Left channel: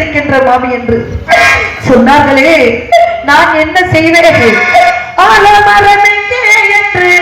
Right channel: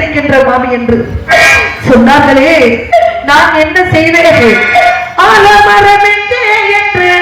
இருக்கின்ற மாமி என்று சொன்னார்களே, நான் என்ன செய்தேன்? ஆலமரம் எங்கே என்று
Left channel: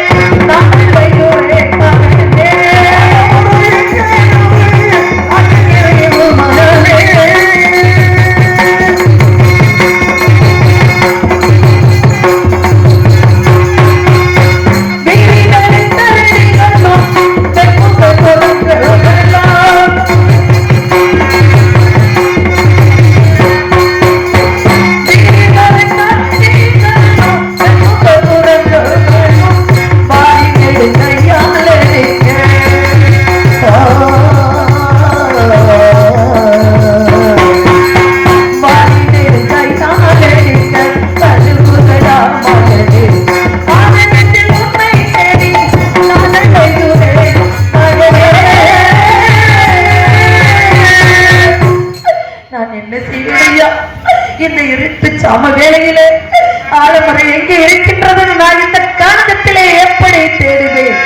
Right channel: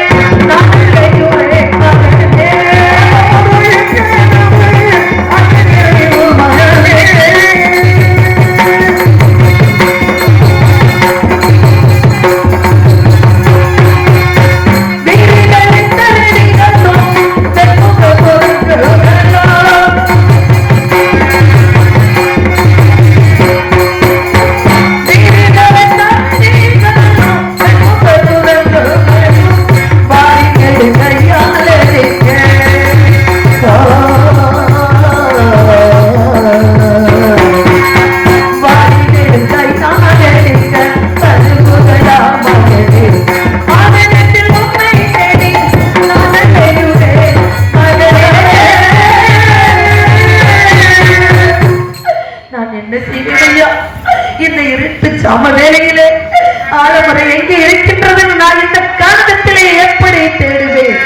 இந்த இருட்டு சாம வேளையிலே ஆலமரம் எங்கே இருக்கின்றது? நான் இந்த காந்தத்திலே எப்படி தேடுவேன்?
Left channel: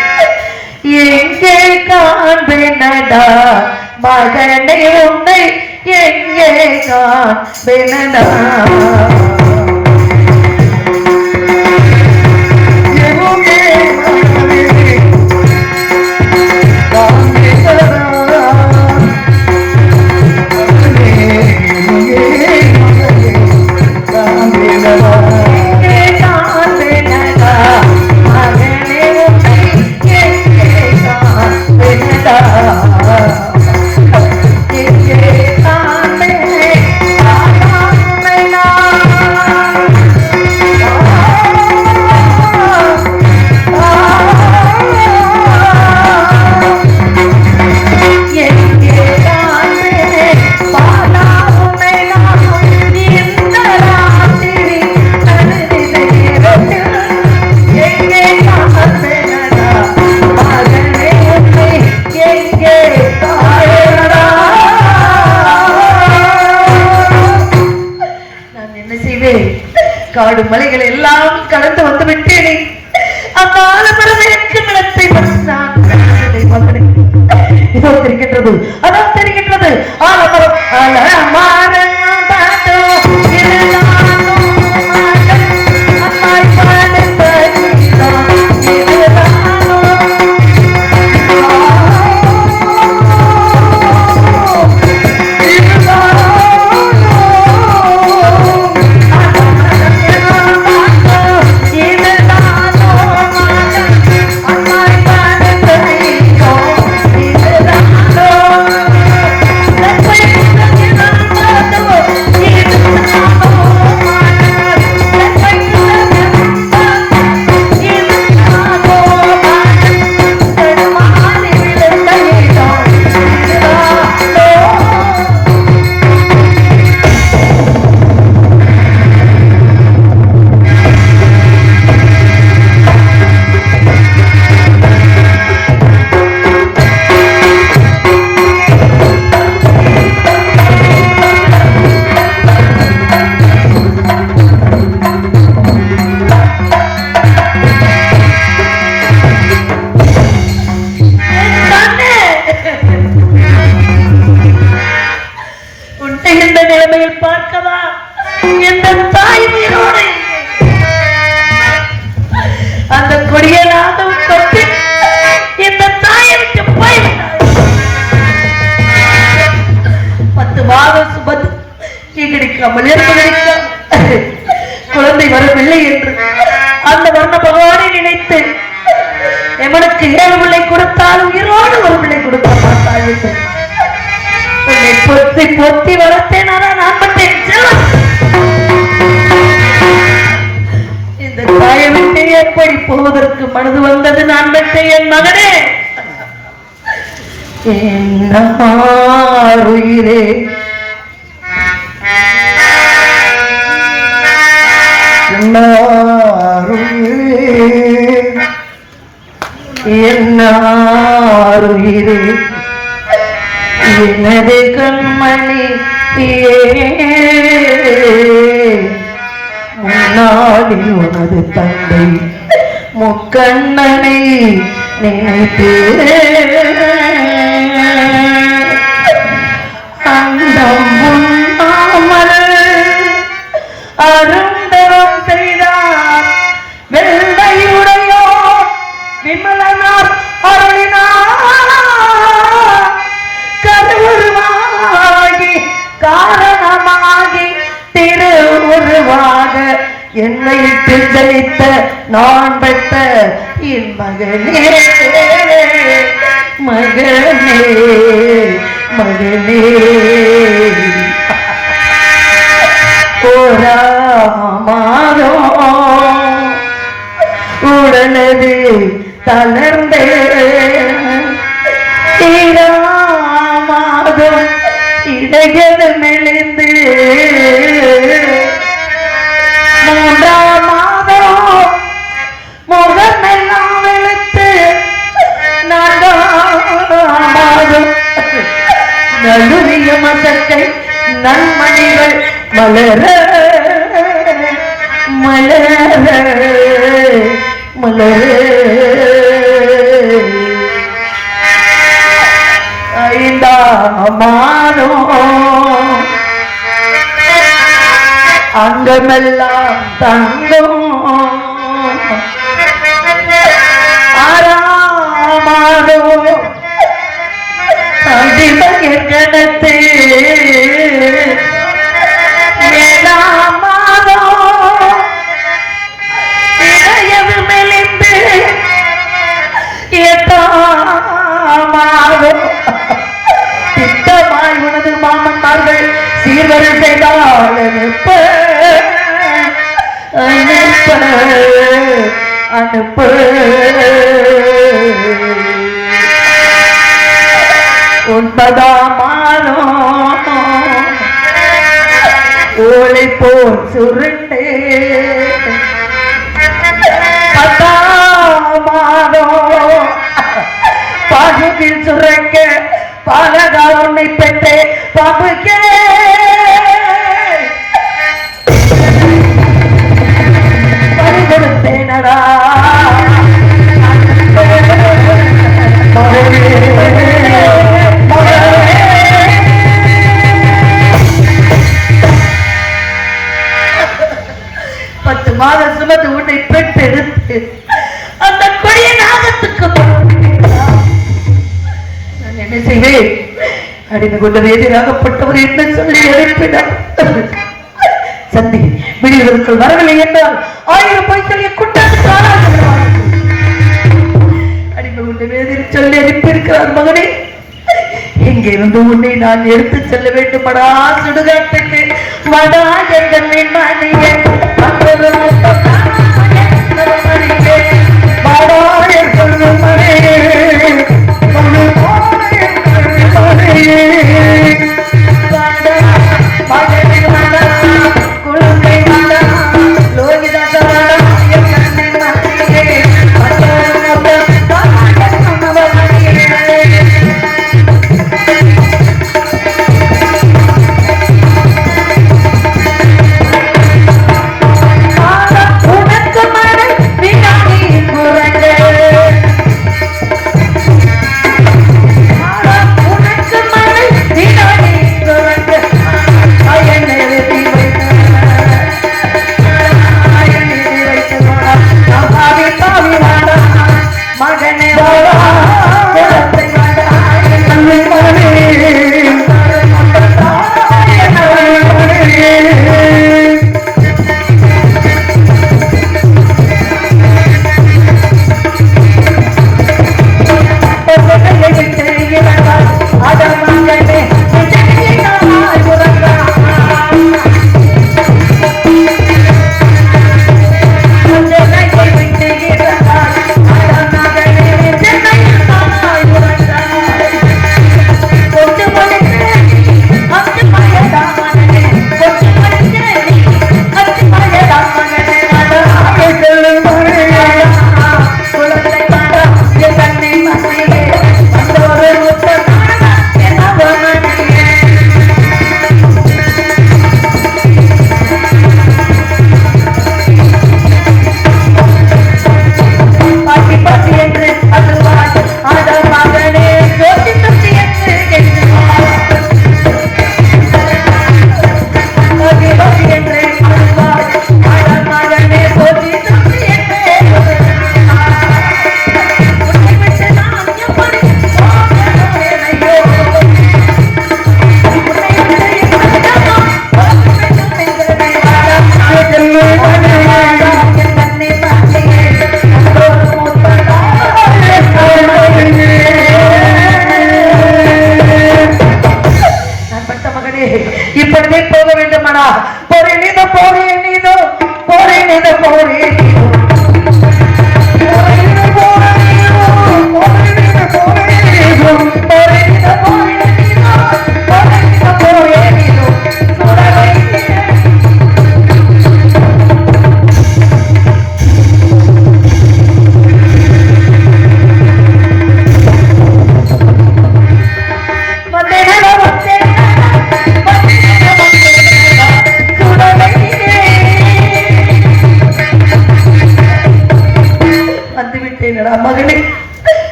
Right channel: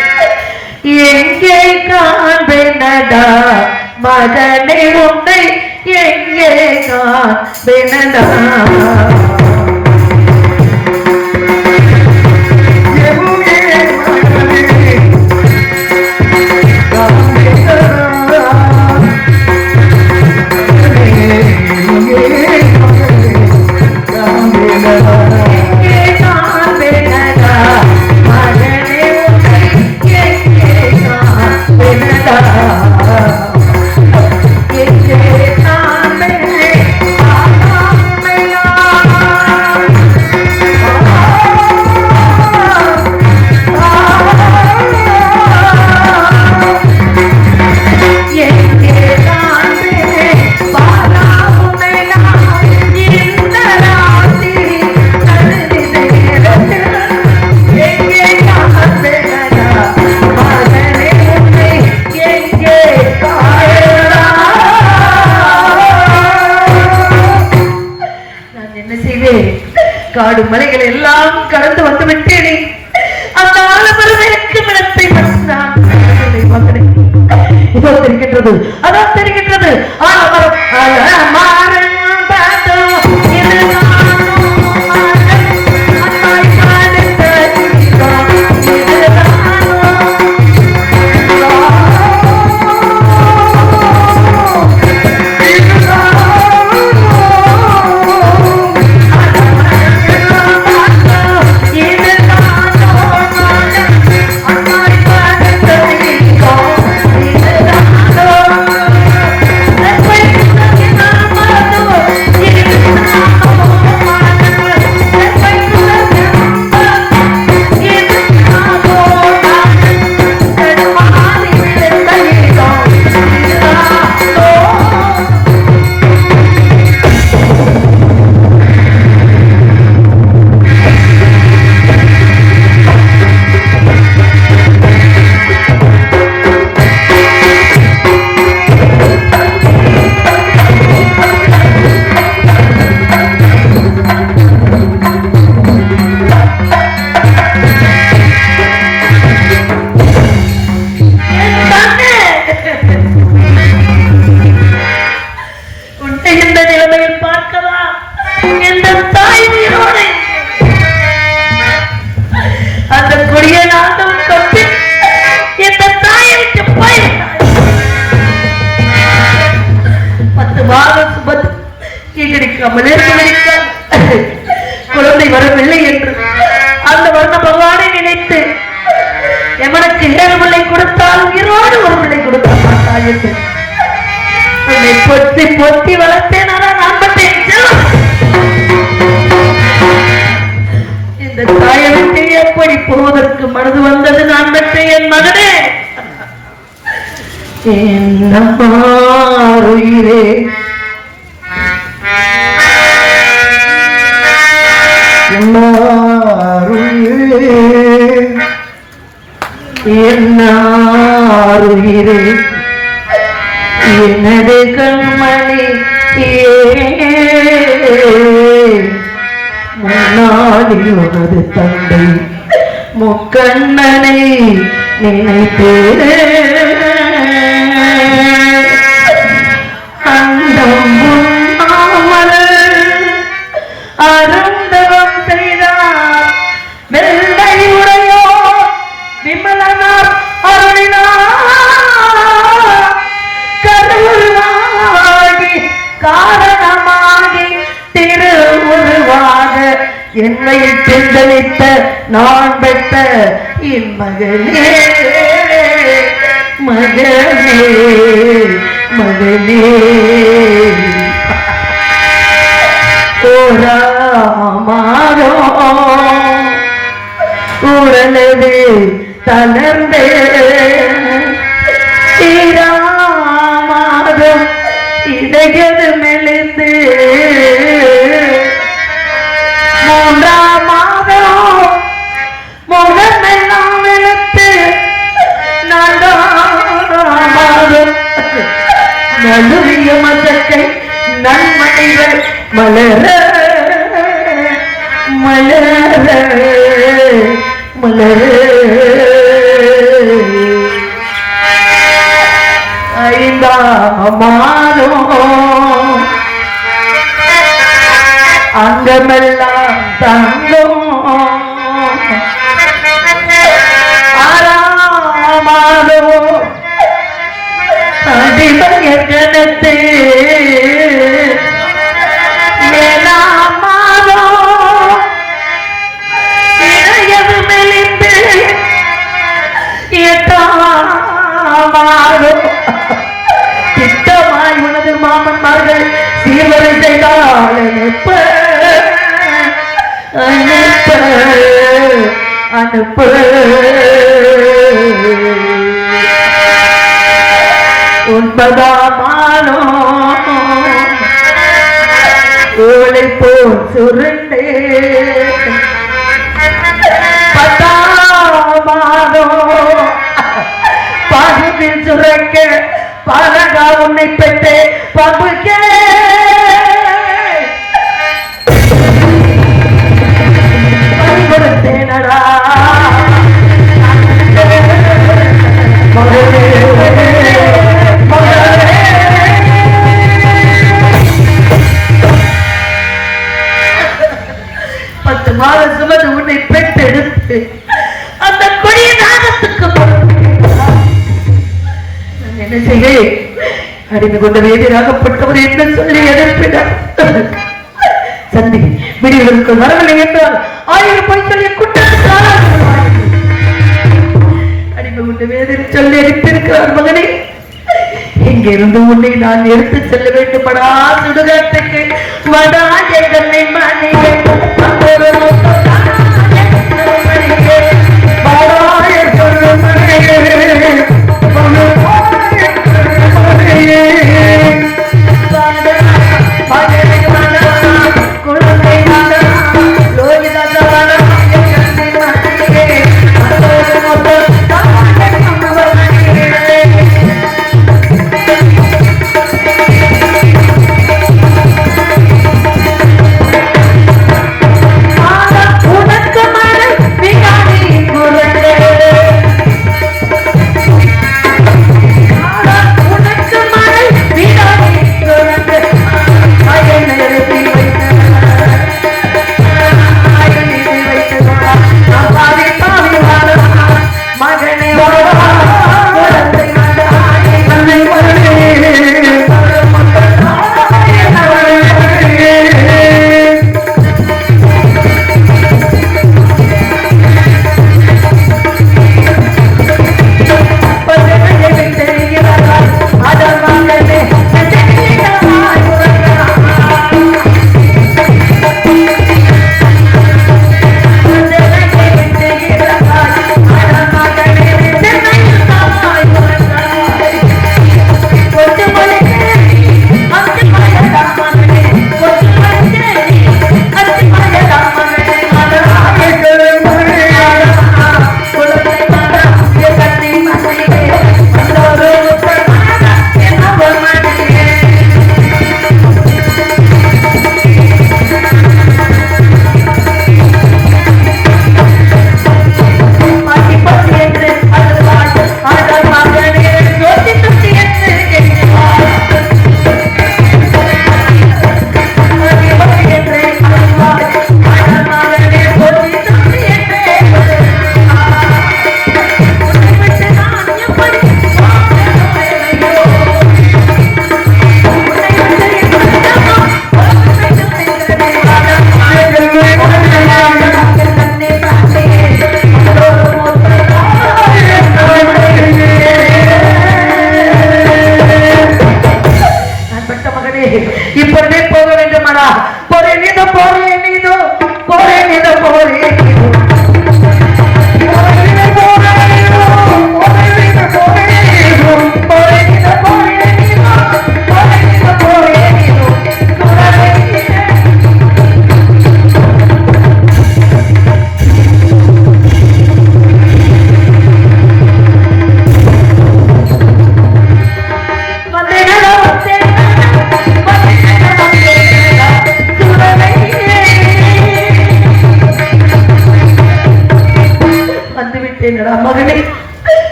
எங்கே காண்பேனடா மகனே உன்னை, எங்கே காண்பேனடா? காடு மலைகள் எல்லாம் கடந்து வந்து விட்டேனே. அந்த ஆலமரத்திற்கு நிலத்தை இதோ தெரிகின்றது, அதான் தெரிகின்றது. ஆலமரம் குழந்தை வரவில்லை என்று அந்த வர்ண பகவானை நினைத்து எமனுக்கு 7 பிள்ளை கொடுத்தால் உயிரோடு ஒரு பிள்ளை கொடுத்தார். பொத்தி பொத்தி வளர்த்தேன். இந்த தாயை விட்டு எப்படி போவதற்கு மனது வந்தது? நான் பெற்ற என் மகனே, என்ன உயிரே, என்னுயிரே, எனது கண்மணி முன்னாடி உனது தந்தை முக்கண்ணனை நினைத்தே அந்த முன்னாடி காரணமாகி திருவுருவாக என்னை பிந்தளித்த நான் பெற்ற என் மகளே மகளே மகளே கோராமாரோ உடனே தளர்ந்தே மாதம் இடையது மெலிந்து மூன்றாம் மாதம் முகமெல்லாம் வெளுத்து மாதம் நடுவிய மதக்கை நன்மணிகள் மலர மலர மலர ஐந்தாமோ அங்கமெல்லாம் தங்கும் ஆறாமாதோ அடிமையர் கணத்து ஏழாமாதோ இளையது மெலிந்து எட்டாமாதோ திட்டமாய் உனது மாமன்மார்கள் சீர்வரிசைதால் அனுப்ப அனுப்ப அனுப்ப உன்பதாமானோ ஓலை போல் சுருண்டே பத்தாமானோ பாகுவில் சுரங்க பாலகா உன்னை பெற்றே பாபுக்கே கொடுத்தேனடா பத்து மாதம் சுமந்து உன்னை பெற்றெடுத்து அந்த கொடிய நாகத்துக்கு என்ன செய்வேன் அடிமை கொண்ட வேதியாகப்பட்டவர் என்ன சொல்லி அனுப்பினார் சந்தி விடுவதற்கு வரவில்லை என்றால் 1000 போய் சொல்லிய குற்றத்துக்கு அடிமை கொண்ட வேதியை சொல்லி அனுப்பியிருக்கிறார் மகனே இங்கிருந்து உன்னை நான் எடுத்து செல்ல வேண்டுமடா சுடுகாட்டுக்கு வடா எங்களை மணியே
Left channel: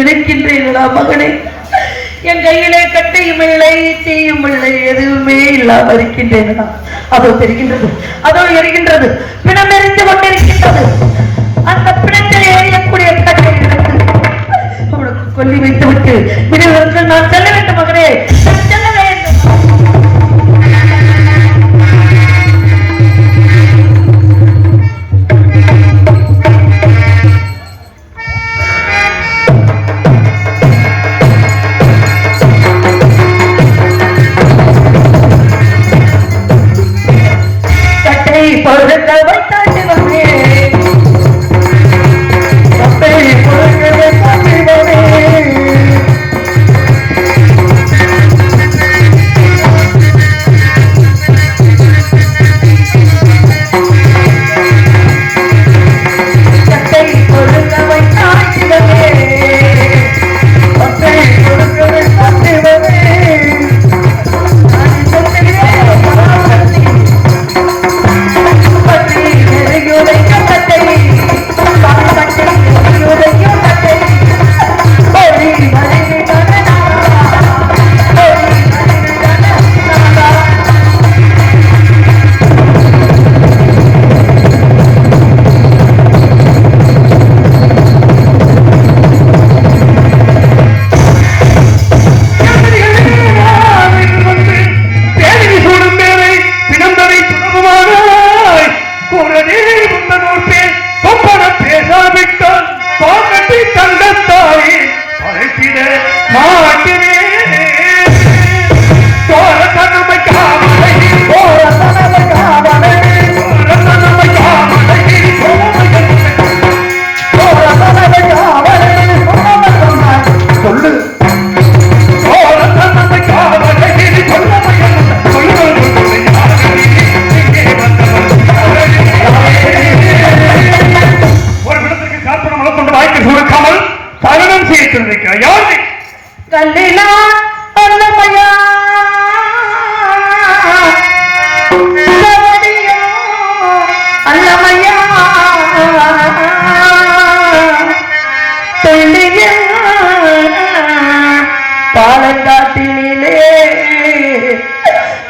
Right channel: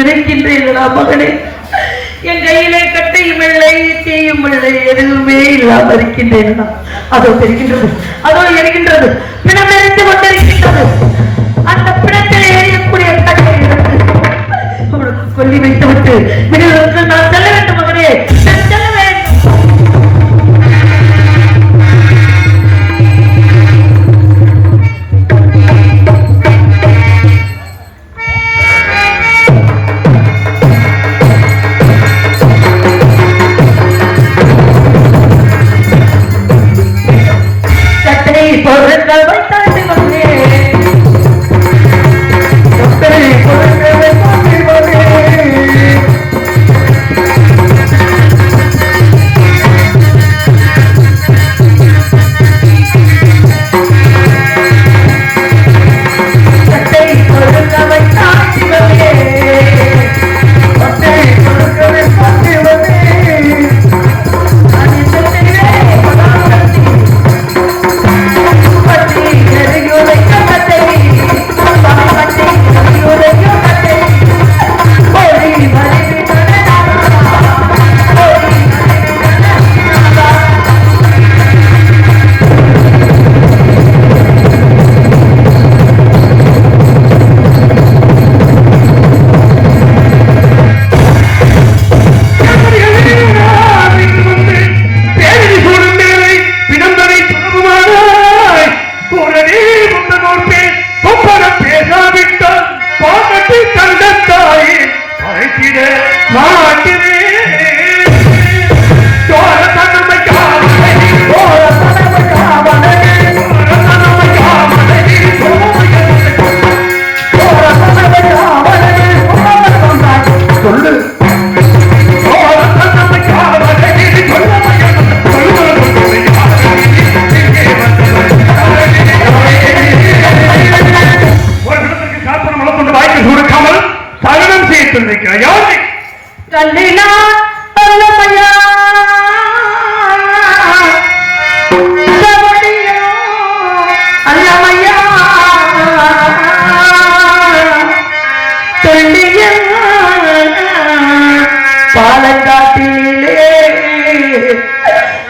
நினைக்கின்றீர்களா மகனே? என் கையிலே கட்டையும் இல்லை, தீயும் இல்லை, எதுவுமே இல்லாமல் இருக்கின்றேன். அதோ தெரிகின்றது, அதோ எரிகின்றது, பிணம் எரிந்து கொண்டிருக்கின்றது. அந்த பிணத்தில் எரியக்கூடிய கட்டை எடுத்து உனக்கு சொல்லி வைத்துவிட்டு விடுவதற்கு நான் செல்ல வேண்டும் மகனே, நான் செல்ல வேண்டும்.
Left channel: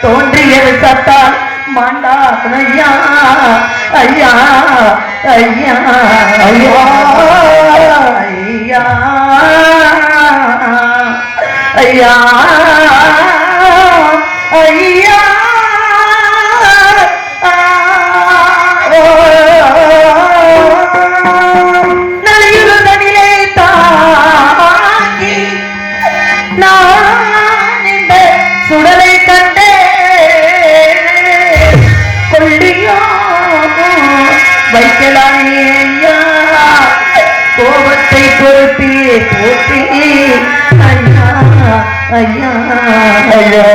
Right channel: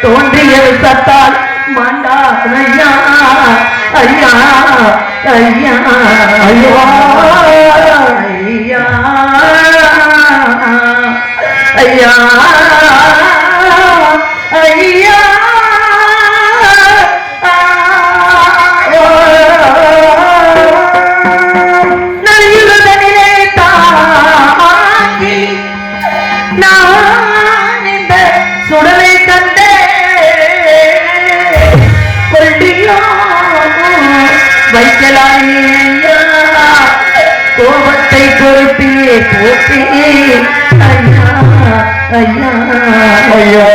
தோன்றியது சத்தால் மாண்டா ஐயா ஐயா ஐயா ஐயா ஐயா ஐயா ஐயா நலியுதனிலே தாங்கி நான் இந்த சுடலை கண்டே கொள்ளியோ வைக்கலாயா கோபத்தை பொறுப்பியே போட்டி ஐயா ஐயா ஐயா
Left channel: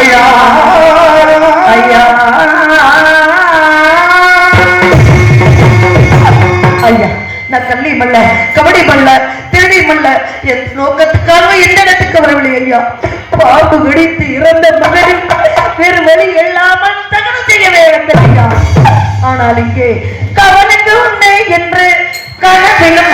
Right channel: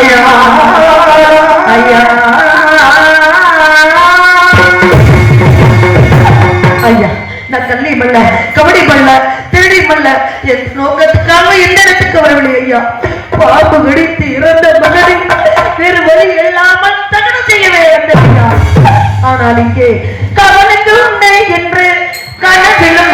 ஐயா ஐயா ஐயா நான் கள்ளி மல்ல கபடி மல்ல திருடி மல்ல என் நோக்கத்துக்காக இந்த இடத்துக்கு வரவில்லை ஐயா. பாம்பு வெடித்து இறந்த மகனும் வேறு வழி இல்லாமல் தகனம் செய்யவே வந்தேன் ஐயா. ஆனால் இங்கே கவனித்து உன்னை என்று கனவிலும்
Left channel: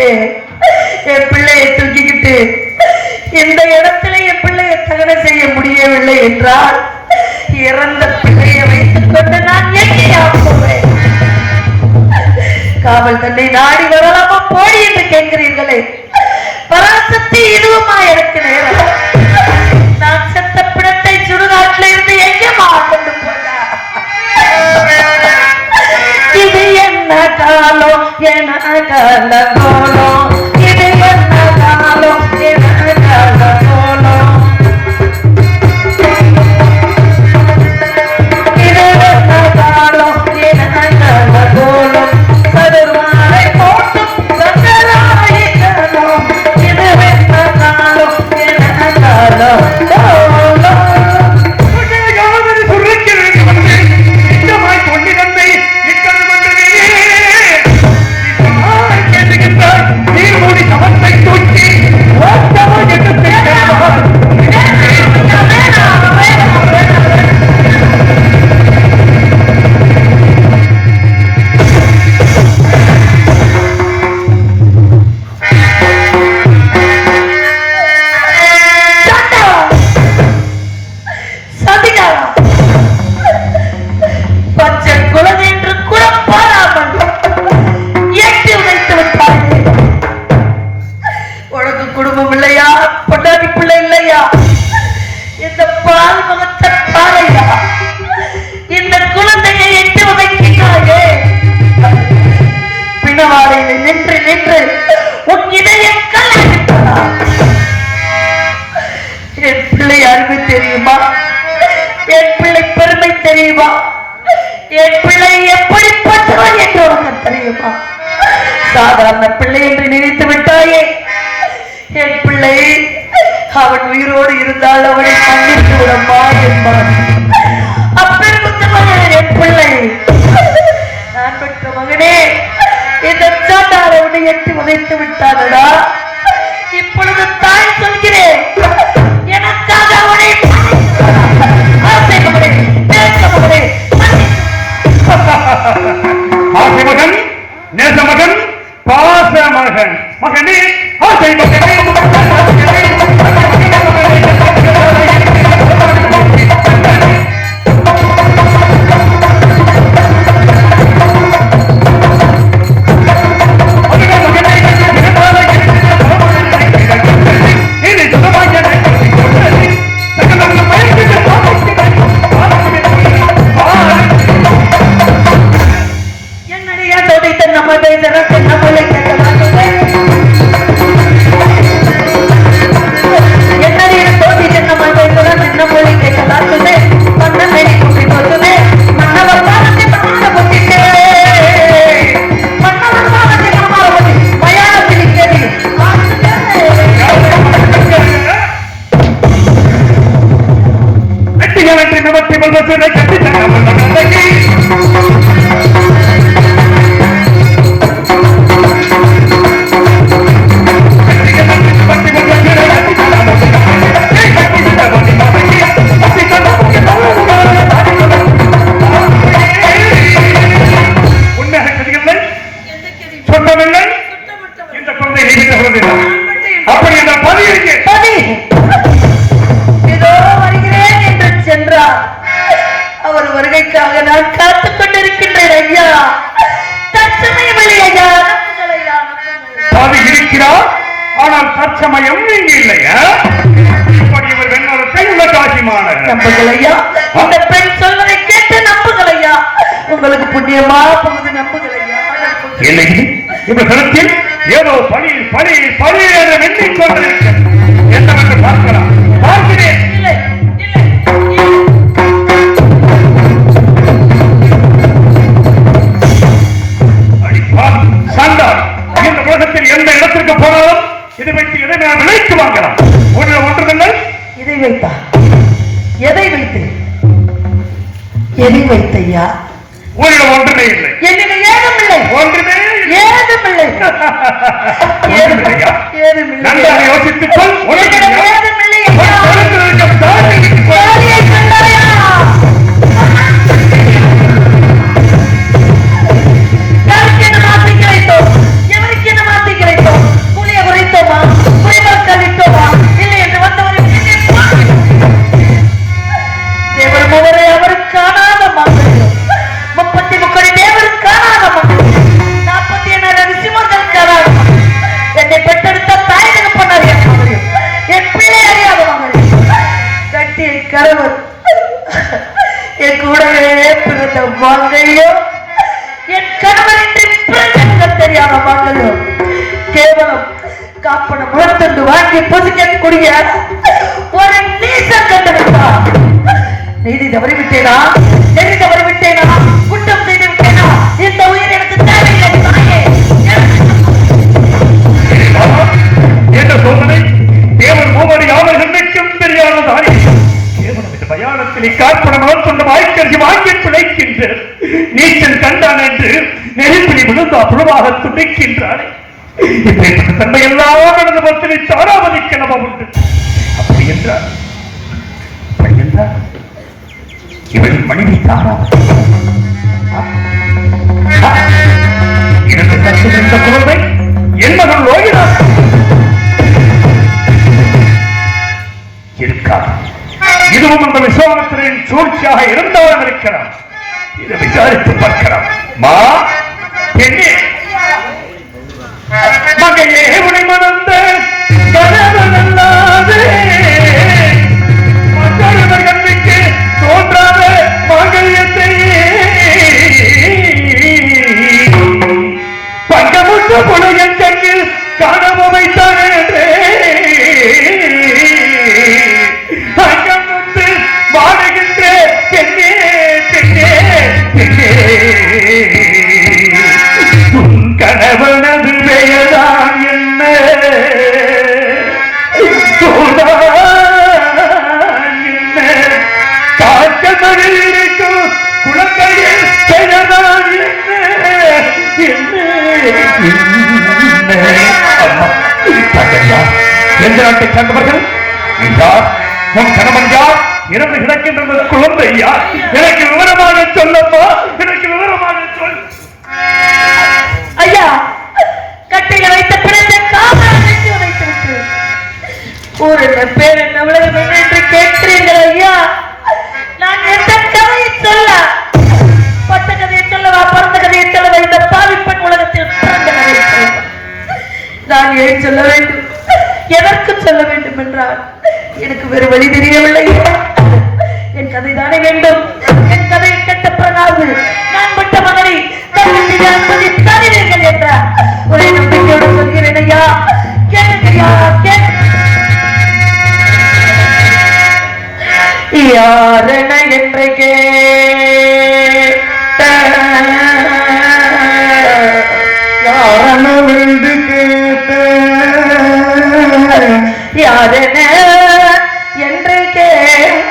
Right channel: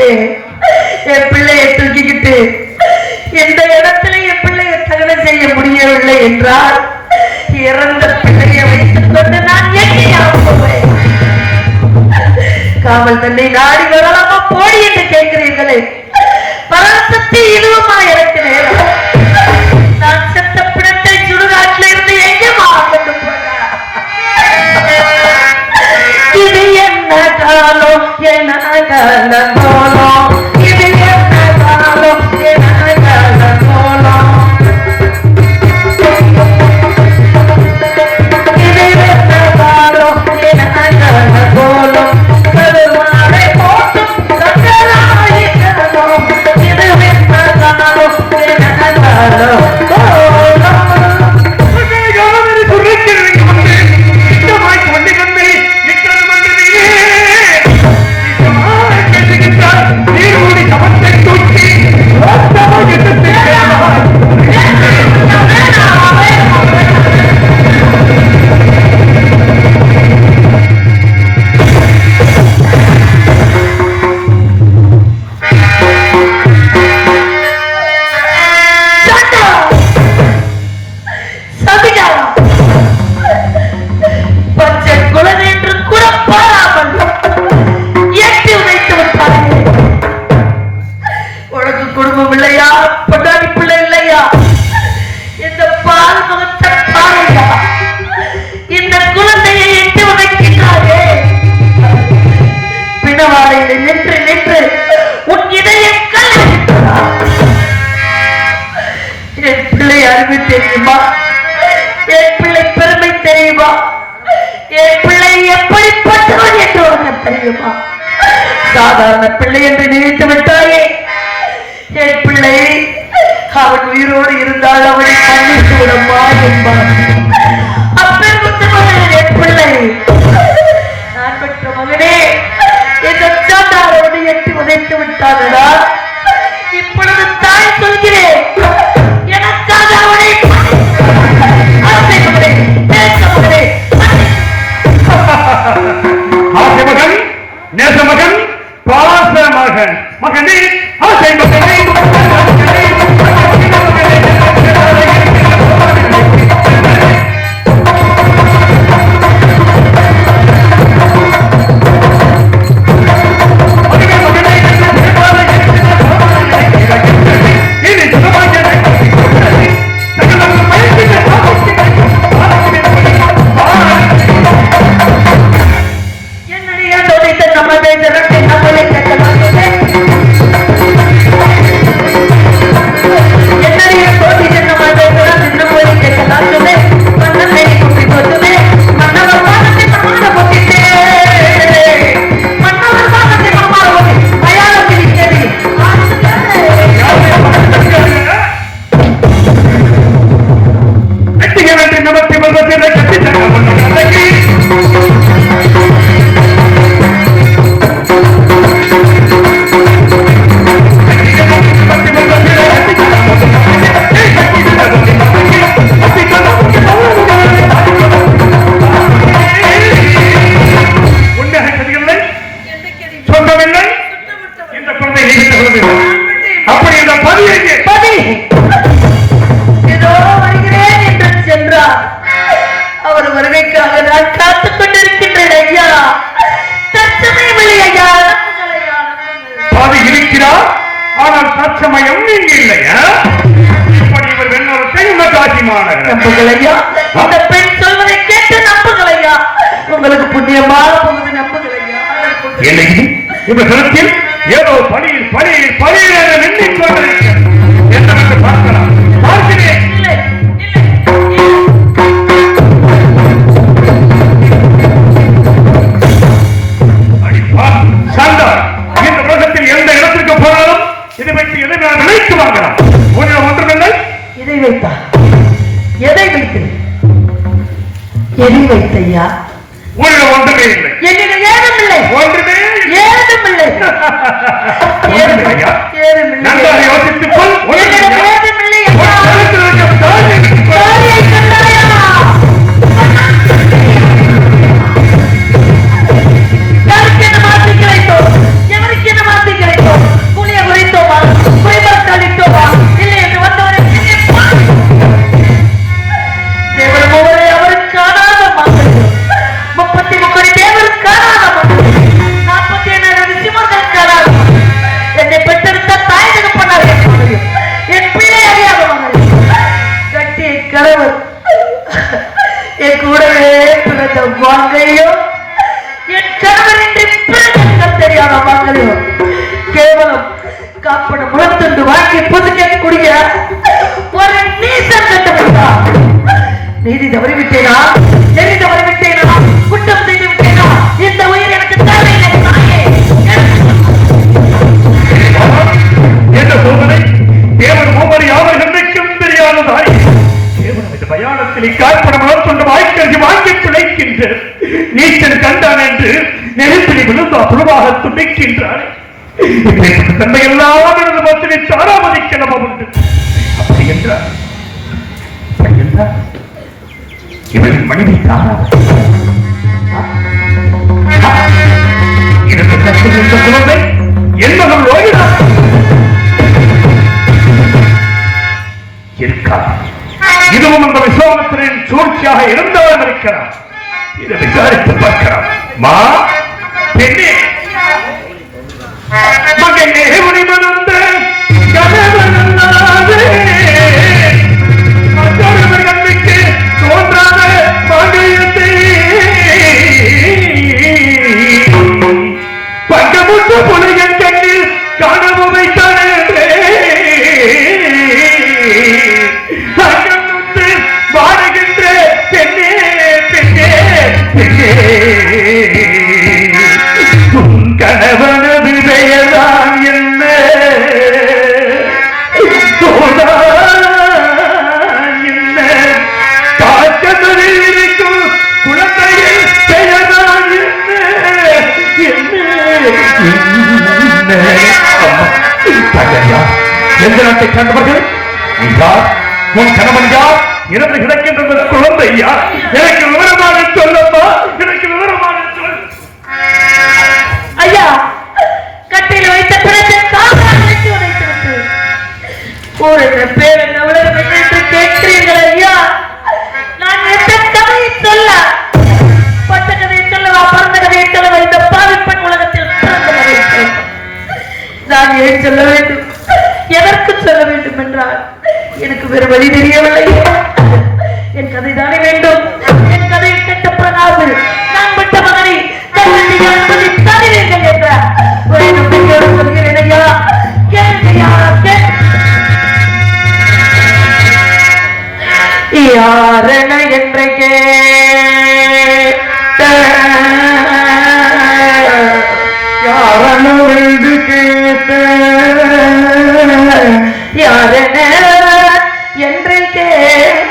இருக்கே என் பிள்ளையை தூக்கிக்கிட்டு இந்த இடத்துல என் பிள்ளையை தகனம் செய்ய முடியவில்லை என்றால் இறந்த பிள்ளையை வைத்துக் கொண்டு நான் எண்ணியாகுவேன். காவல் தன்னை நாடி வரலாமா போய் என்று கேட்கிறீர்களே, பராசக்தி இதுவுமா எனக்கு நேரம்? நான் செத்த பிணத்தை சுடுகாட்டில் இருந்து எங்கேமா கொண்டு போனார்? இது என்ன காலம் என்ன காலம், இது என்ன காலம் என்ன காலம். தெரியுமா? என் பிள்ளை பெருமை தெரியுமா? என் பிள்ளை எப்படிப்பட்டவன் என்று உனக்கு தெரியுமா? சாதாரண பிள்ளை என்று நினைத்து விட்டாயே. என் பிள்ளை அவன் உயிரோடு இருந்தால் அவனை கண்ணிட்டு விடமா என்பான். அப்பெருத்த மகன் என் பிள்ளை, நான் பெற்ற மகனே, இந்த சாட்டார் அவனை எட்டி உதைத்து விட்டானடா. இப்பொழுது தாய் சொல்கிறேன், எனக்காக அவனை மகன் நேச மகன் பாச மகன் மகனே ஆசை மகனே இந்த தளத்தில் ஏதோ பணியில் பணியில் பணியில் என்ற எண்ணிக்கொண்டிருக்கிறது என்று பார்க்கலாம். பார்க்கிறேன். சண்டா இந்த உலகத்தில் எந்த இடத்திற்கு போனாலும் இதை வைத்து எதை நான் நினைத்து வாங்கலாம். ஒன்றுமில்லை. இதை வைத்தா எதை வைத்து எதை வைத்தையா? உன்னிடம் ஒன்றுமே இல்லை. என்னிடம் ஏதுமில்லை. ஒன்றுமே ஏதுமில்லை. நன்றாக யோசித்துக் கொள். ஏதுமில்லை. யாருக்கு என்ன மாற்றி கிடைத்தோம்? எவருக்கு என்ன மாற்றி கிடைத்தோம்? காப்பட முளத்தண்டு வாங்கி புதுக்கக்கூடிய ஒரு நீசம் கண்டுவிட்டா. நீதி தவறிவிட்டேனா? நெறி தவறிவிட்டேனா? குற்றம் செய்து விட்டேனா? இந்த உயிர் எனக்கு தேவையில்லை தாயே. என்ன சொல்வதை தேவன் ஒவ்வொரு யாவர் என்றைக்கும் தெரியாத தாயே. தேவன் இந்த பயானத்தில் காற்படம் கொண்டு வாய்க்கறிஞ்சு வாங்கி பிழைக்கின்ற நீச்சல் கண்டான் என்று நெருப்பிடி விழுந்தா புழுவாக துடைக்கின்றார். இப்பேற்பட்ட தன்மை எல்லாம் எனது மத்தினை சாராமதிக்க உண்டு. அப்படி என்றார் இவள் மனைவி தானா? இதற்கு தத்து இந்த குழந்தை என்னவன் ஓய்வா இருக்கார். இதுவும் அந்த விஸ்வாமித்திரின் சூழ்ச்சியாக இருந்தாலும் இருக்கிறார். இதை விசாரித்து பார்க்கிறார். மா பெண்ணே, மகையே உனை மறந்த கனவல்லாதே மற்றொருவர் கண்ணுக்கு தோன்றாத மகையத்தை பங்கமுற்ற புலகன் கண்ணில் காணவும் வைத்தானே அங்கமுத்து வாடுகின்ற பெண்ணே பெண்ணே பெண்ணே கணவனது பெயர்தான் என்ன என்ன பார்க்க இருக்கும் குழந்தைகள் பெயர்தான் என்ன எந்த நாட்டை கண்டவர்கள் யார்? உன் கணவன் யார்? இறந்து கிடக்கின்ற குழந்தை யார்? எனக்கு விவரமான சொல்லப்பா, எனக்கு விவரமான சொல். ஐயா, கட்டையில வைத்த பிறந்த காவல் வைத்து உதைத்துவிட்டு ஊர் என்ன பேர் என்ன உலகம் என்ன என்று கேட்கிறீர்கள் ஐயா. நான் எந்த கதையை சொல்ல, பட்ட கதையை சொல்லவா, பிறந்த கதையை சொல்லவா? இந்த பாவிப்பெண் உலகத்தில் பிறந்த கதையை சொல்ல நான் ஏன் சொல்ல வேண்டும்? எதற்கு சொல்ல வேண்டும் என்றால் எனக்கு வேறு வழி தெரியவில்லை. என் கதை தானே வேண்டும். என் கதையை கேட்ட பிறகாவது நான் விட்ட மகனை தனிவீர்கள் என்ற ஒரு நம்பிக்கையோடு சொல்கிறேன் ஐயா. கேள்வியா யாரென என்று கேட்ட யாரென என்று கேட்ட யாரென என்று கேட்ட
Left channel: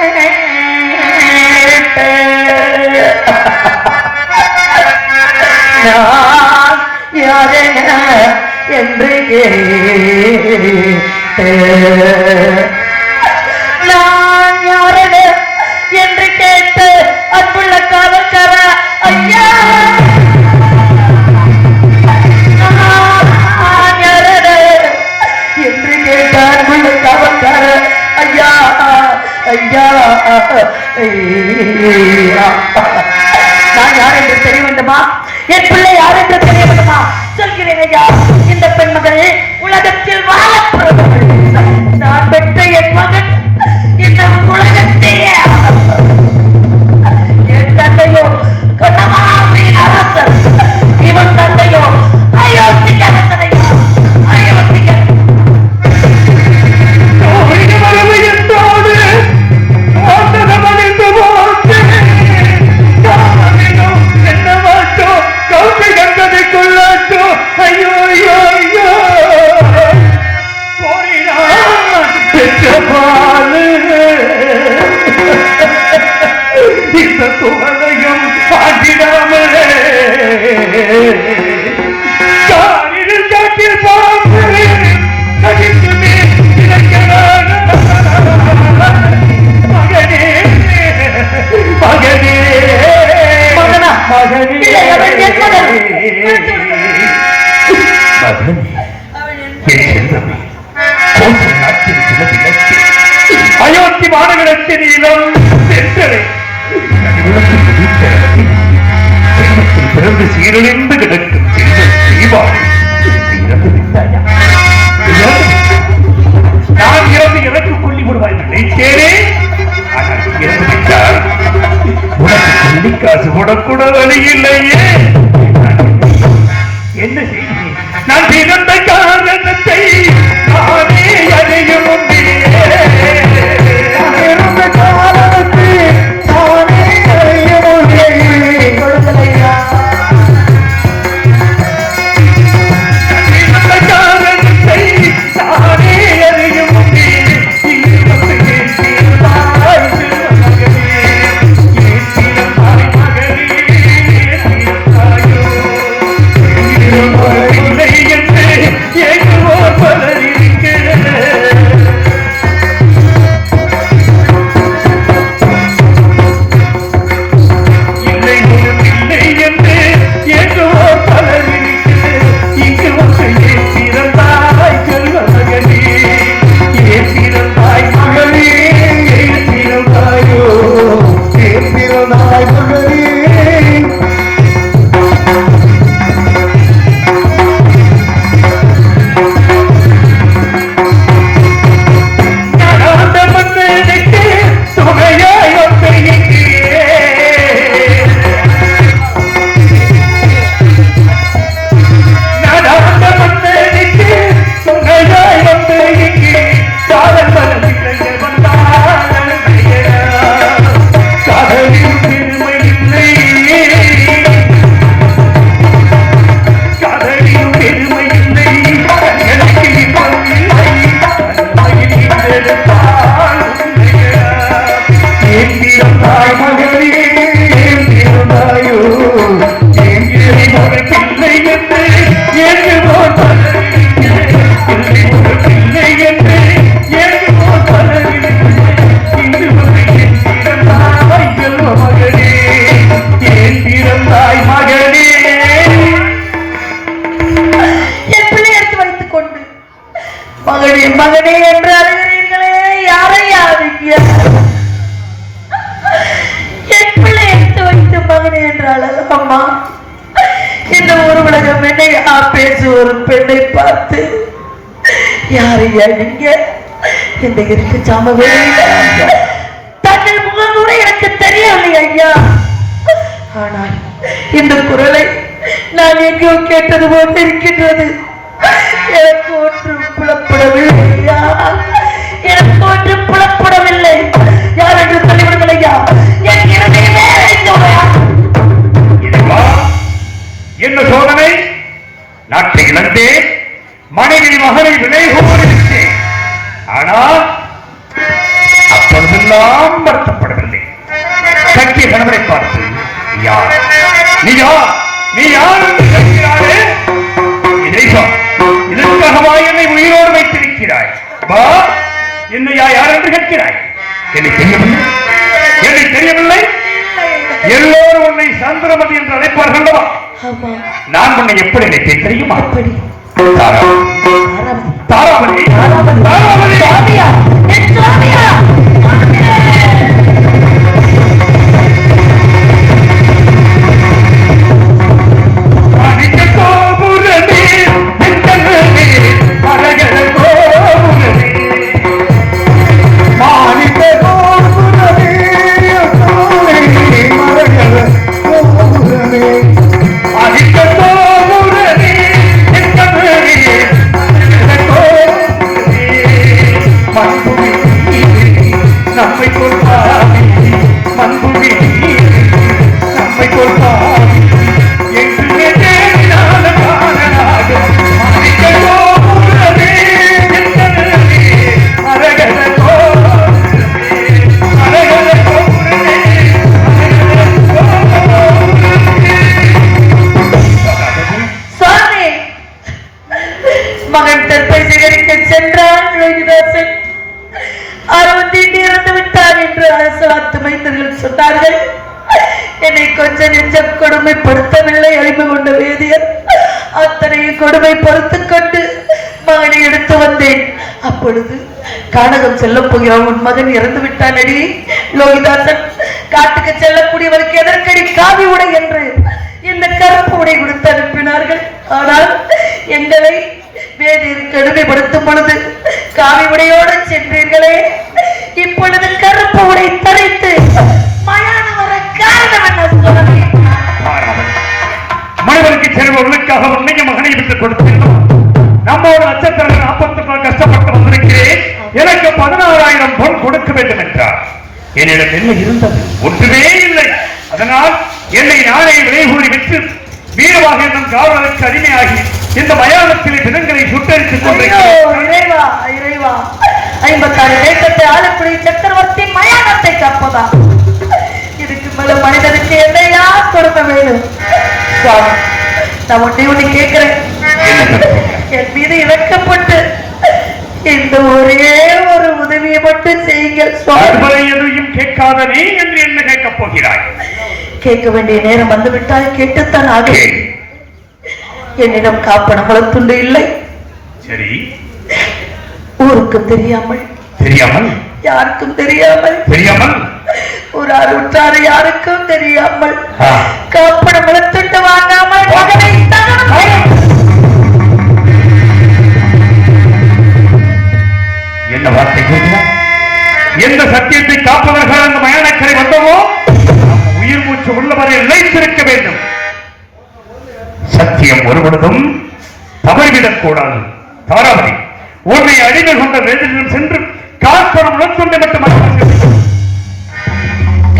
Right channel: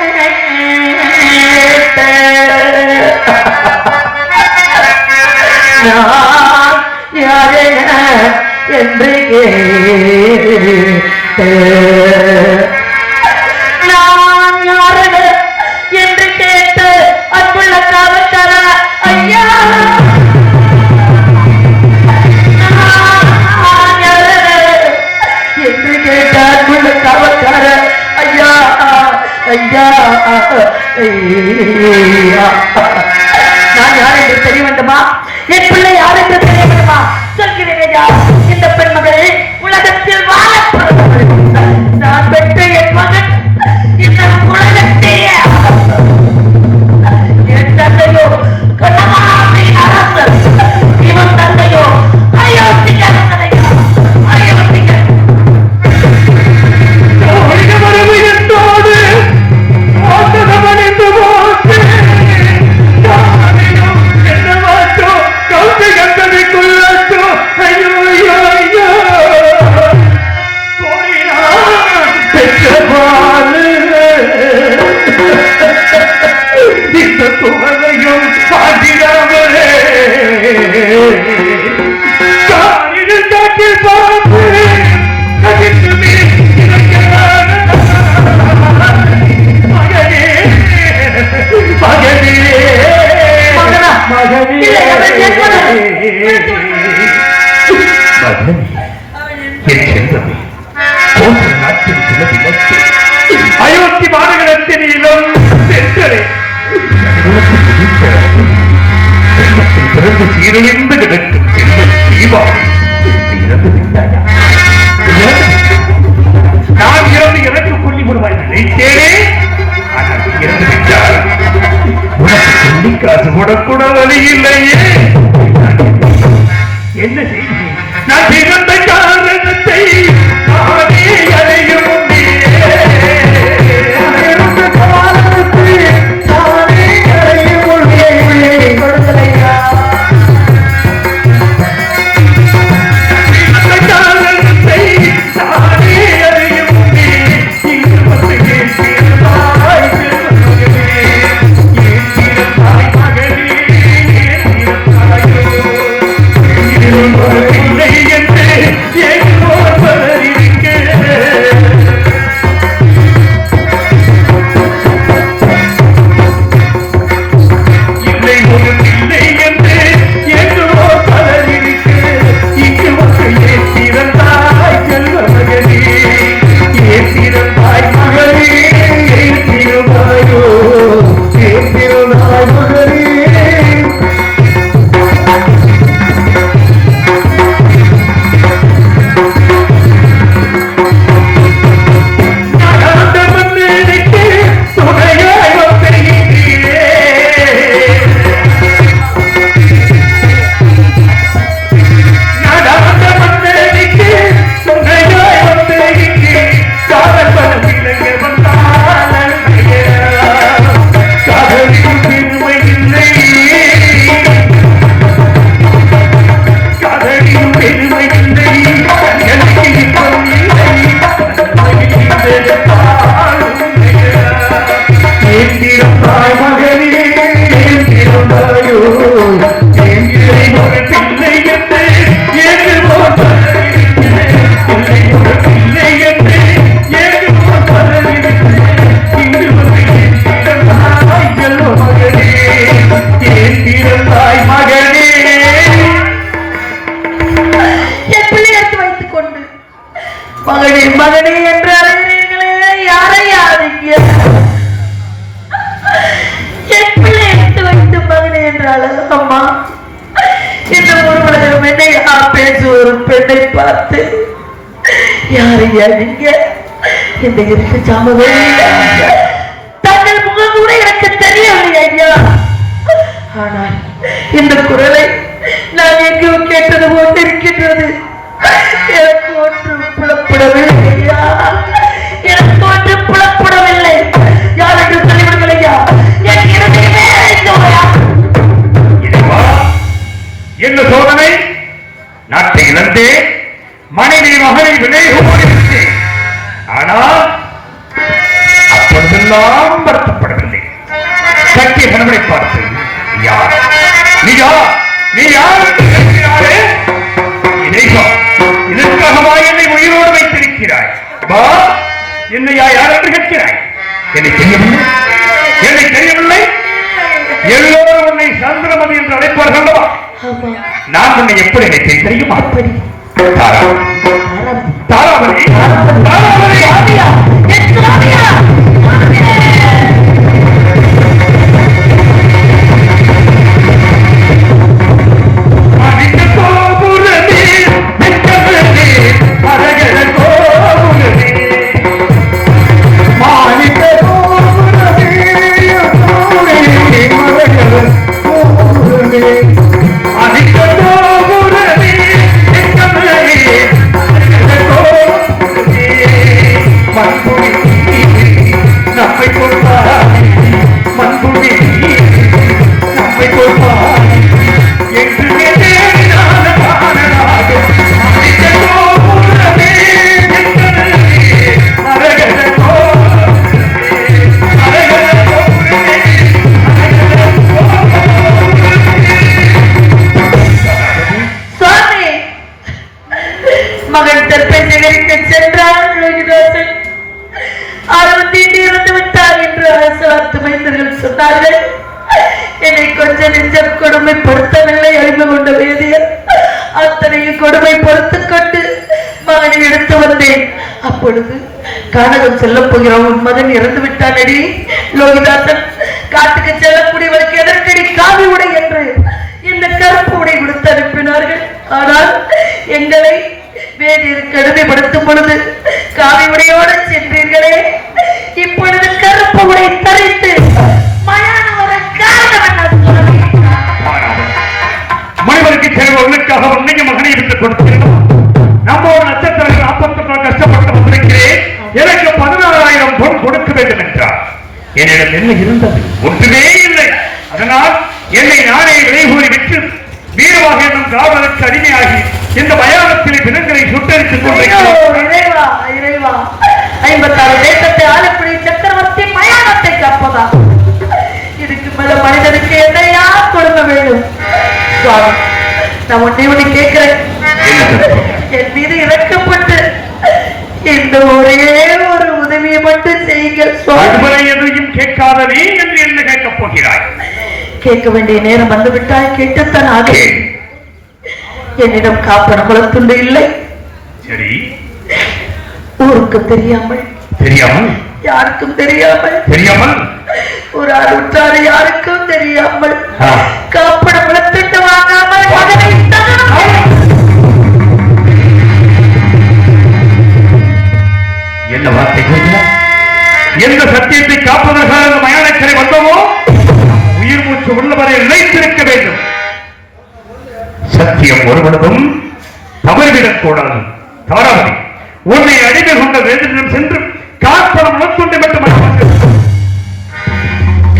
நான் யாரென என்று கேட்ட நான் யாரென என்று கேட்டு அன்புள்ள காவல்கார ஐயா நான் யாரென என்று கேட்ட அன்புள்ள காவல்கார ஐயா ஐயா நான் யார் என்று தெரிய வேண்டுமா? என் பிள்ளை யார் என்று தெரிய வேண்டுமா? சொல்கிறேன் ஐயா. இந்த பெண்மகள் உலகத்தில் வாழப்படுபவள். நான் பெற்ற என் மகன் இந்த உலகத்தையே என் தந்தையோ கண்ணமாமை அரசர், இவன் தந்தையோ அயோத்திய அரசனையோ அயோத்திய அயோத்தி மாநகரத்தின் இளம் பிறந்து சீரழிந்து கிடக்கும் செல்வம் தீபாவளி இறந்து விட்டாயா? நான் இறந்து எனக்கு கொல்லி வருவாய் நினைத்தேனே. ஆனால் இறந்து விட்டால் உனக்கு கொல்லி காசு போடக்கூட வழி இல்லையே. என்ன செய்தி? நான் பிறந்த காரணத்தை மகனே மகனே என்று அழைகிறீர்களே, யாரையா நீங்க? என் பிள்ளை எடுத்து வைத்து மகனே என்றால் அம்மா, இந்த ஒரு உலகம் என்னையா பேசு ஒரு பெண்ணை பார்த்து யாரையா நீங்க? இந்த இருட்டு சாமவே தங்கள் முகம் கூட எனக்கு தெரியவில்லை ஐயா. ஆனால் இந்த குரலை நான் எங்கோ கேட்டது போட்டு இருக்கின்றது. எனக்கு ஒன்றும் புலப்படவில்லை ஐயா, எனக்கு ஒன்றும் புலப்படவில்லை. யார் என்று சொல்லிவிடுங்கள் ஐயா. என் இடமே என்ன சோதனை? நாட்டை இழந்தே மனைவி மகனை வினைகொண்டிருந்தேன். ஆனால் அப்பொழுதெல்லாம் வருத்தப்படவில்லை. கட்டிய கணவரை பார்த்து யார் நீ யார் நீ யார் என்று கேட்கிறாரே, இதற்காகவா என்னை உயிரோடு வைத்திருக்கிறாய்? வா, என்னையா யார் என்று கேட்கிறாய்? என்னை தெரியவில்லை, என்னை தெரியவில்லை. எல்லோரும் உன்னை சந்திரமதி என்று அழைப்பார்கள் அல்லவா? நான் உன்னை எப்படி நினைத்தேன் தெரியுமா? தாராவதி, என்னை கொஞ்ச நெஞ்சம் கொடுமைப்படுத்தவில்லை. அறிவு கொண்ட வேதியர் அத்தனையும் கொடுமை பொறுத்துக் கொண்டு மகனை எடுத்து வந்தேன். அப்பொழுது கானகம் செல்ல போகிற உன் மகன் இறந்து விட்டான் அடி லோகிதாசன். காட்டுக்கு செல்லக்கூடியவருக்கு எதற்கடி காவி உடை என்று இந்த கருப்பு உடை கொடுத்து அனுப்பினார்கள். ஆனால் எங்களை வேதியர் கடுமைப்படுத்தும் பொழுது காவி உடையோடு சென்றீர்களே, இப்பொழுது கருப்பு உடை தரைத்து மனிதனுக்கு செல்வர்களுக்காக உன்னைய மகனை விட்டுக் கொடுத்தேன். நம்மோட நட்சத்திரம் 40 கஷ்டப்பட்டு வந்திருக்கிறேன். எனக்கு 16,000 பொன் கொடுக்க வேண்டும் என்றார். என்னிடம் என்ன இருந்தது? ஒன்றுமே இல்லை. அதனால் என்னை நானே விலை கூறி விட்டு வீரவாக என்னும் காவலுக்கு அடிமையாகி இந்த மயானத்திலே தினங்களை சுட்டரித்துக் கொண்டிருக்கிறேன். 56 தேசத்தை ஆளக்கூடிய சக்கரவர்த்தி மயானத்தை காப்பதா? இதுக்கு மேல மனிதனுக்கு எதையா கொடுக்க வேண்டும்? நான் ஒன்றை கேட்கிறேன், என் மீது இறக்கப்பட்டு இந்த ஒரே ஒரு உதவியை மட்டும் செய்யுங்கள். எதையும் கேட்காத நீ என்று என்ன கேட்கப் போகிறாய்? கேட்க வேண்டிய நேரம் வந்துவிட்டால் கேட்டுத்தான் ஆக. என்னிடம் காப்பன குளத்துண்டு இல்லை. சரி, ஊருக்கு தெரியாமல் யாருக்கும் தெரியாமல் ஒரு அருட்டார யாருக்கும் தெரியாமல் காப்பன குளத்துண்டு வாங்காமல் மகனை என்ன வார்த்தை கூறுகிறார்? எந்த சத்தியத்தை காப்பதற்காக அந்த மயானக்கரை வந்தோமோ உயிர் மூச்சு உள்ளவரை நிலைத்திருக்க வேண்டும். சத்தியம் ஒருவனும் தவறிவிடக் கூடாது. தாராவதி, உன்னை அடிமை கொண்ட வேதியிடம் சென்று காப்பனம் உணர்த்துண்டை மட்டும்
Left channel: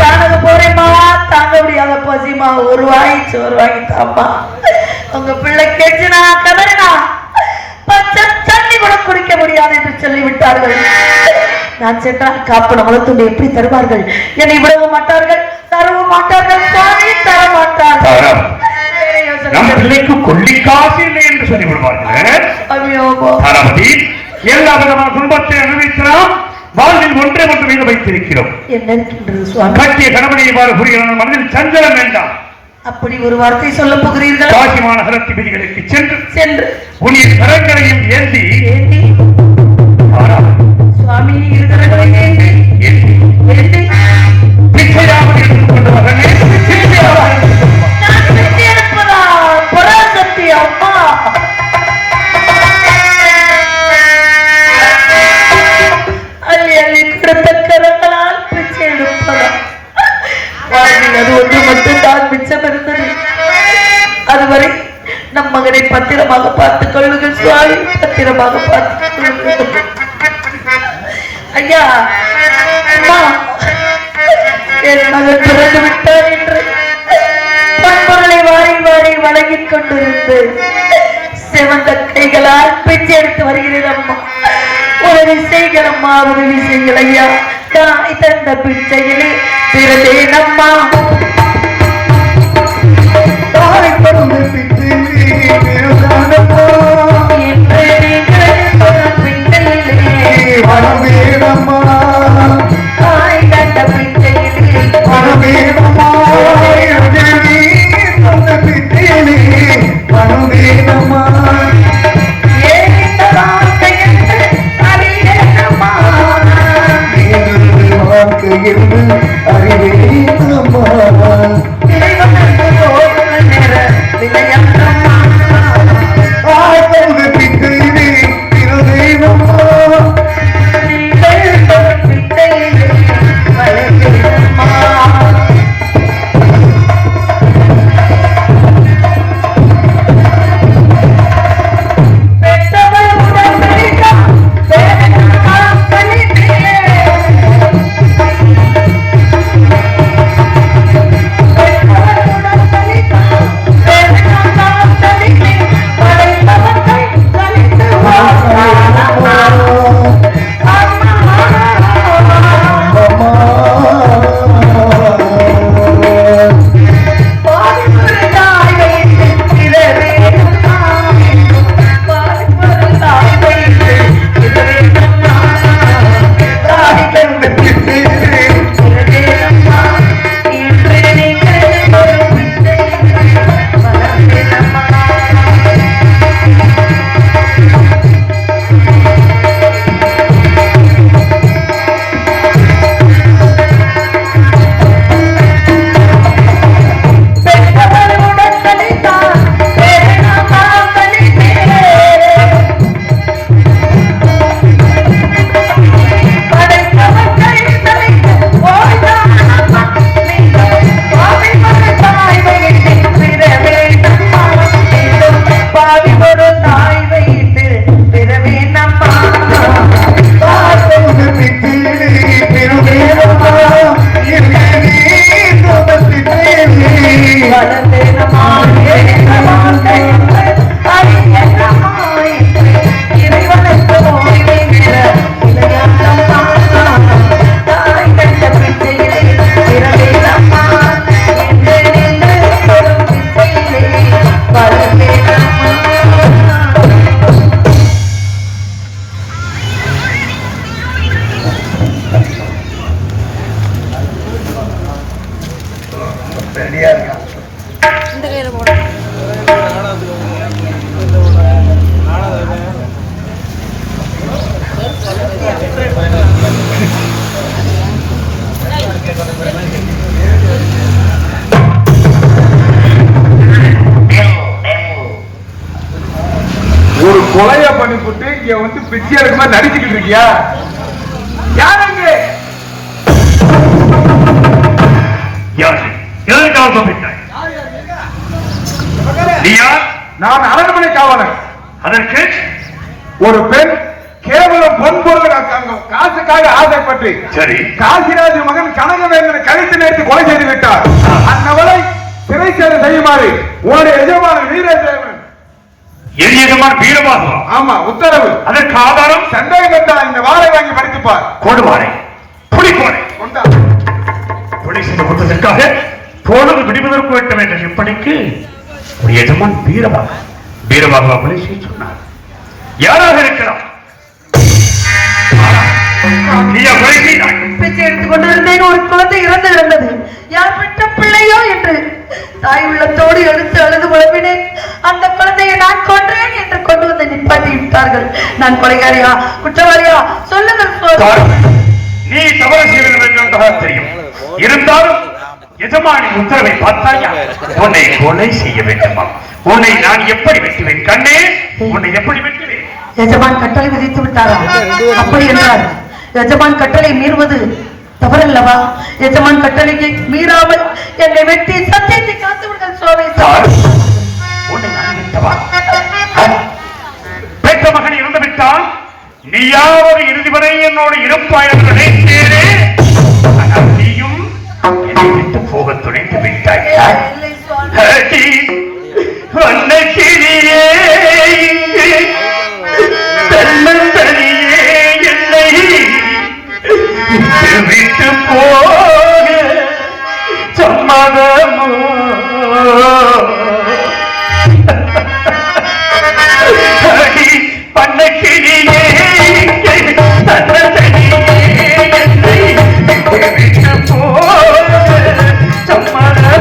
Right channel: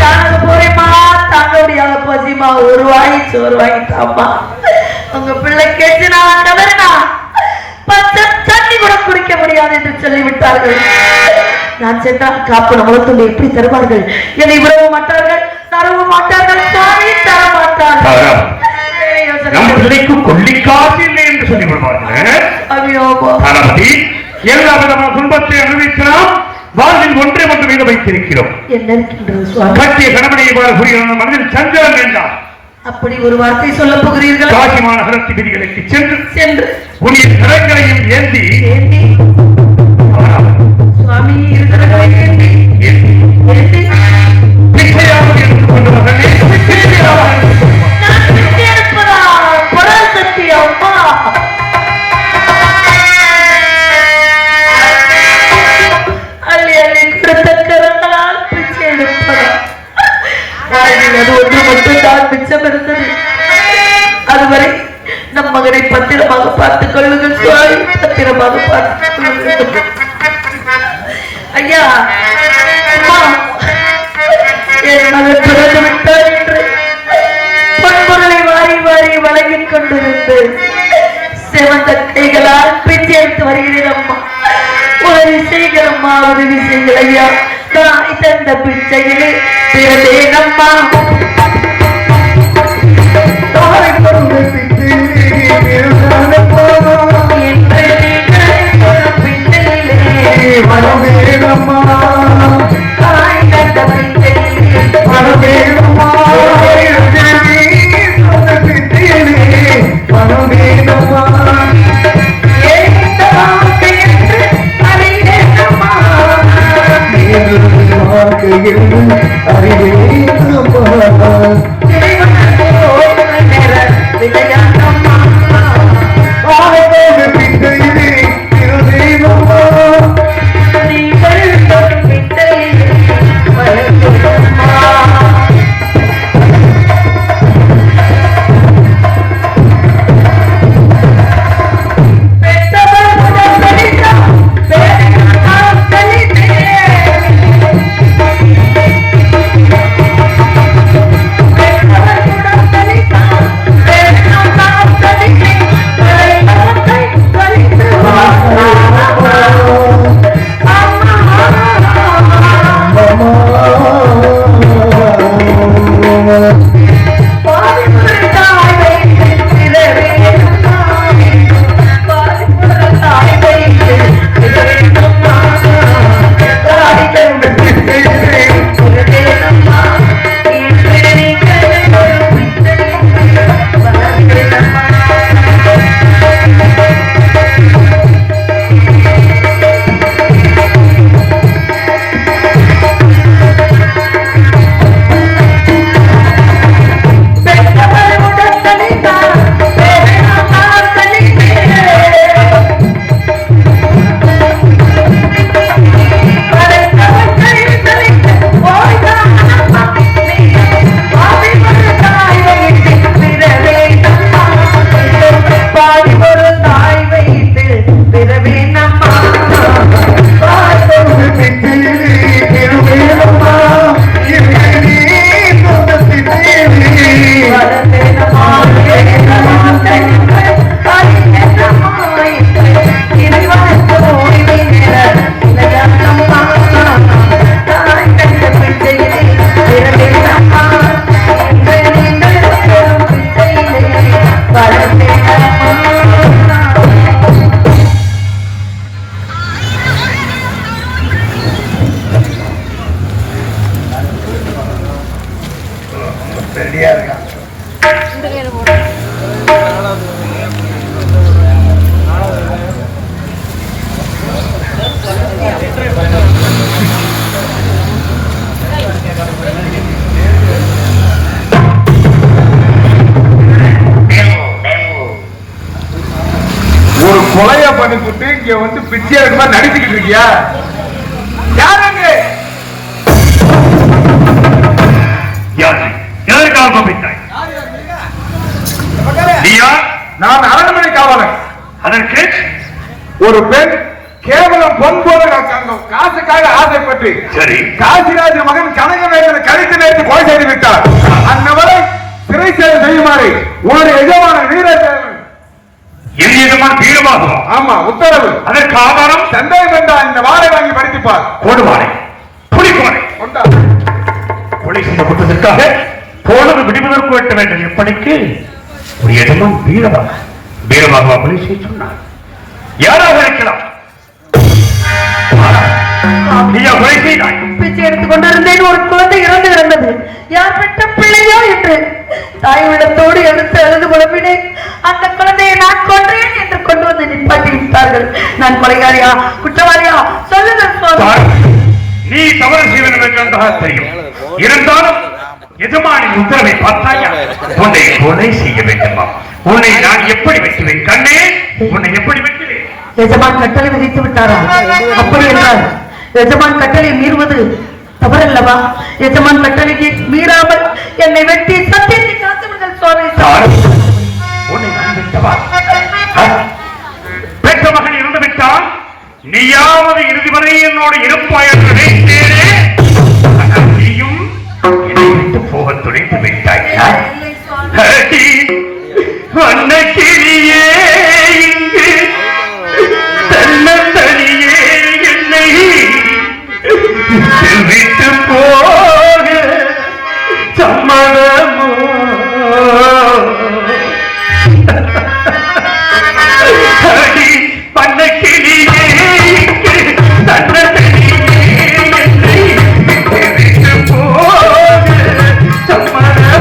காணது போறேம்மா, தாங்க முடியாத பசிமா, ஒரு வாங்கி சோறு வாங்கி தாப்பா. உங்க பிள்ளை கேட்டுனா தவறுனா பச்சை தண்ணி கூட குடிக்க முடியாது என்று சொல்லிவிட்டார்கள். நான் சென்றால் காப்பன உணர்த்துண்டை எப்படி தருவார்கள்? என்னை விடவ மாட்டார்கள், தரவ மாட்டார்கள், தர மாட்டார்கள். நம்ம பிள்ளைக்கு கொள்ளிக்காசு இல்லை என்று சொல்லிவிடுவார்கள். எல்லா விதமான துன்பத்தை அனுபவிக்கலாம். வாழ்வில் ஒன்றை மட்டும் மீது வைத்திருக்கிறோம். கட்டிய கணவனை இவ்வாறு புரிகிற மனதில் சஞ்சலம் வேண்டாம். அப்படி ஒரு வார்த்தை சொல்ல போகிறீர்கள். காசி மாநகரத்து விதிகளுக்கு சென்று உன்னின் கரங்களையும் ஏந்தி மகனை பத்திரமாக பார்த்துக் கொள்ளுங்கள் சுவாமி, பத்திரமாக பார்த்துக் கொள்ளுங்கள். ஐயா, அம்மா, என் மகன் பிறந்து விட்டார் என்று பொன்பொருளை வாரி வாரி வழங்கிக் கொண்டிருந்து செவந்த கைகளால் பிச்சை எடுத்து வருகிறேன் அம்மா. உதவி செய்கள் அம்மா, உதவி செய்கள் ஐயா. தாய் தந்த பிச்சையிலே பிறந்தேன் அம்மா. தாய் தந்த பிச்சையிலே பிறந்தேன் அம்மா. தாய் தந்த பிச்சையிலே பிறந்தேன் அம்மா. கொலைய பண்ணிவிட்டு இங்க வந்து பிச்சை எடுக்க நடிச்சுக்கிட்டு இருக்கியா? யாருங்க நான் அரண்மனை காவலன். அதற்கு ஒரு பெண் கேவலம் பொன்போல காசுக்காக ஆசைப்பட்டு சரி காசிராஜ மகன் கனகவேந்தனை கழித்து நேர்த்து கொலை செய்து விட்டார். அந்நபரை சிறை சேவை செய்யுமாறு உன்னுடைய எஜமான வீரேசன் வீரமாகுவா? ஆமா, உத்தரவு. அதற்கு ஆதாரம் சந்தேகம் என்றால் இந்த வாழை வாங்கி படித்துப்பார். கொடுவானை புலிகோனை கொலை செய்த குற்றத்திற்காக போனது விடுவதற்கு வெட்ட வேண்டும். எப்படிக்கு ஒரு எஜமான் வீரமாகுவா கொலை செய்ய சொன்னார். யாராக இருக்கலாம்? நீயா கொலை செய்தாய்? பிச்சை எடுத்துக் கொண்டிருந்தேன். ஒரு குழந்தை இறந்து கிடந்தது. யார் பெற்ற பிள்ளையோ என்று தாய் உள்ளத்தோடு எடுத்து அழுது புலம்பினேன். அந்த குழந்தையை நான் கொன்றேன் என்று கொண்டு வந்து நிப்பாட்டி விட்டார்கள். நான் கொலைகாரியா குற்றவாளியா சொல்லுங்கள். நீ தவறு செய்திருக்க தெரியும். இருந்தாலும் எஜமானின் உத்தரவை பார்த்தாயா? உன்னை கொலை செய்ய வேண்டுமா? உன்னை நான் எப்படி வைக்கிறேன் கண்ணே? உன்னை எப்படி வைக்கிறேன்? எஜமான் கட்டளை விதித்து விட்டாரா? அப்படி என்றால் எஜமான் கட்டளை மீறுவது தவறல்லவா? எஜமான் கட்டளையை மீறாமல் என்னை வெட்டி சத்தியத்தை காத்து விடுங்கள் சுவாமி. உன்னை நான் பெற்ற மகன் இருந்துவிட்டால் நீயாவது இறுதி வரை என்னோடு இருப்பாய் என்று நினைத்தேனே. ஆனால் நீயும் என்னை விட்டு போக துணைந்து விட்டாய். அன்னைக்கிரியே இங்கு தன்னந்தனியே என்னை விட்டு போக சம்மதமோ? அடி அன்னைக்கிரியே இங்கு தன்னந்தனியே என்னை விட்டு போக சம்மதமோ?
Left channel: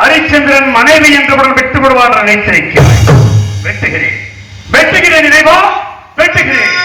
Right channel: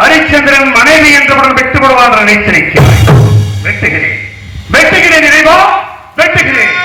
ஹரிச்சந்திரன் மனைவி என்றவுடன் வெட்டுப்படுவான் நினைத்திருக்கிறாய். வெட்டுகிறேன், வெட்டுகிறேன் இறைவா, வெட்டுகிறேன்.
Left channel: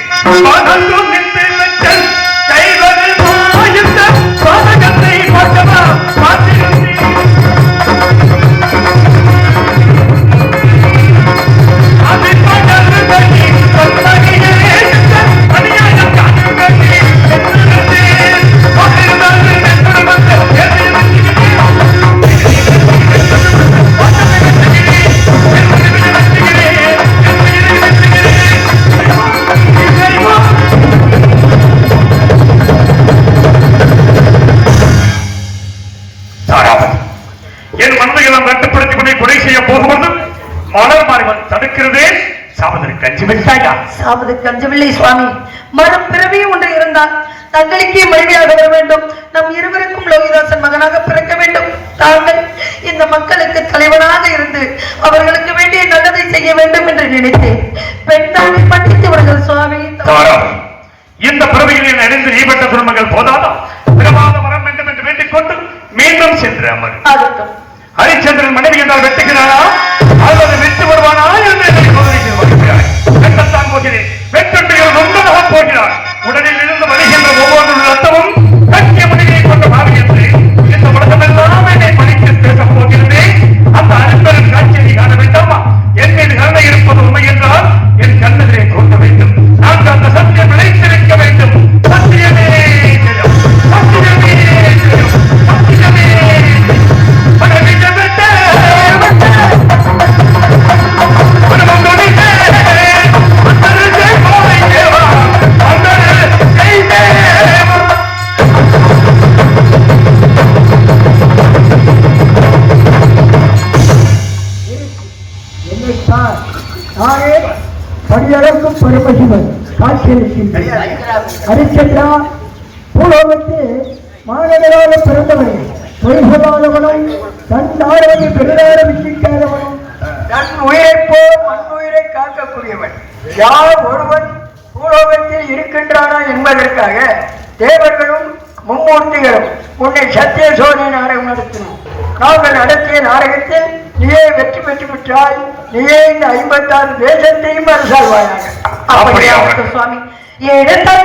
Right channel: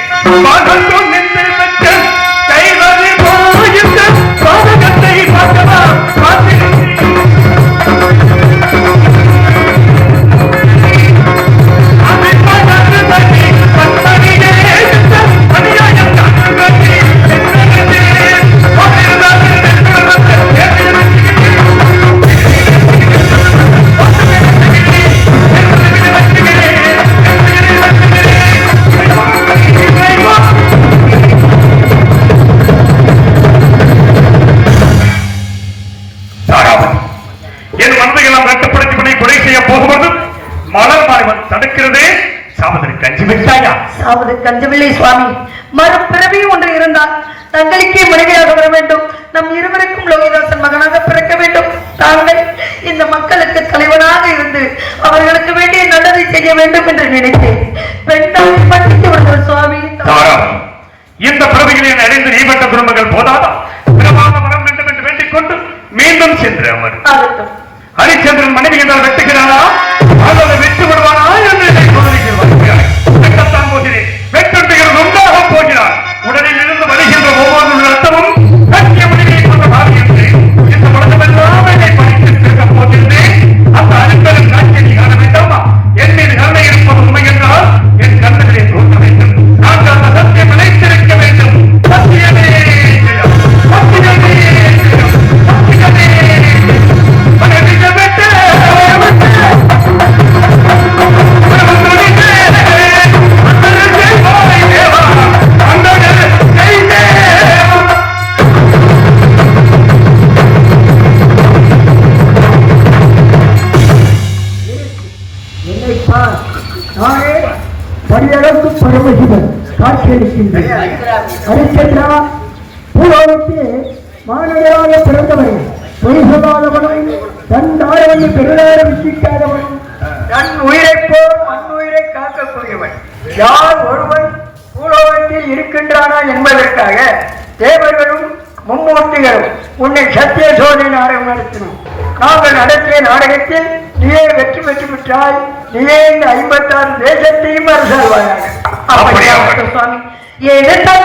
கஞ்சமில்லை சுவாமி. மறுபிறவி ஒன்று இருந்தால் தங்களுக்கே மனைவியாக வர வேண்டும். நம் இருவருக்கும் லோகிதாசன் மகனாக பிறக்க வேண்டும். தாங்கள் இந்த மக்களுக்கு தலைவனாக இருந்து அவர்களுக்கு வேண்டிய நல்லதை செய்ய வேண்டும் என்று நினைத்தேன். பெண்ணாக மன்னித்து விடுங்கள் சுவாமி. இந்த பிறவிகளை அறிந்து நீபட்ட குடும்பங்கள் போதாதா? பிரமாத வரம் வேண்டும் என்று வேண்டிக் கொண்டு மீண்டும் சென்று அமர். ஹரிச்சந்திரன் மனைவி என்றால் வெட்டுகிறாரா அல்லது வெற்றி வருவானா என்று போகிறேன். வெட்டுகள் ஒன்றாக போகிறார். உடலில் இருந்து வருகின்ற ஒவ்வொரு ரத்தமும் கட்சிய மனைவியை கொண்ட பாருகின்றேன். இந்த உலகமெல்லாம் என்னை பறித்து திருக்கப் போகின்றேன். அந்த அருட்களின் காட்சியை காண வேண்டாமா? என் மீது கருணை இருப்பது உண்மை என்றால் என் கண்ணுகளை தோன்ற வேண்டும். நான் அந்த சத்தியம் நிலைத்திருக்க வேண்டும். சத்தியமே சத்தியமே சத்தியமே இருக்கின்றது. ஹரிச்சந்திரா பூலோகத்தில் மாநகராக பிறந்தவன், வைசபாலவனாய் தன் தாயை பெரிதார விசிக்காதவன், தன் உயிரை போல் மண்ணுயிரை காக்கக்கூடியவன். யார் ஒருவன் பூலோகத்தில் இருக்கின்றானா என்பதற்காக தேவர்களும் மும்மூர்த்திகளும் உன்னை சத்திய சோதனை நாடகம் நடத்தினோம். நாங்கள் நடத்திய நாடகத்தில் நீயே வெற்றி பெற்று விட்டாய். நீயே இந்த 56 தேசத்தையும் அரசாழ்வாயாக. அப்படியா சுவாமி? எழுத்தா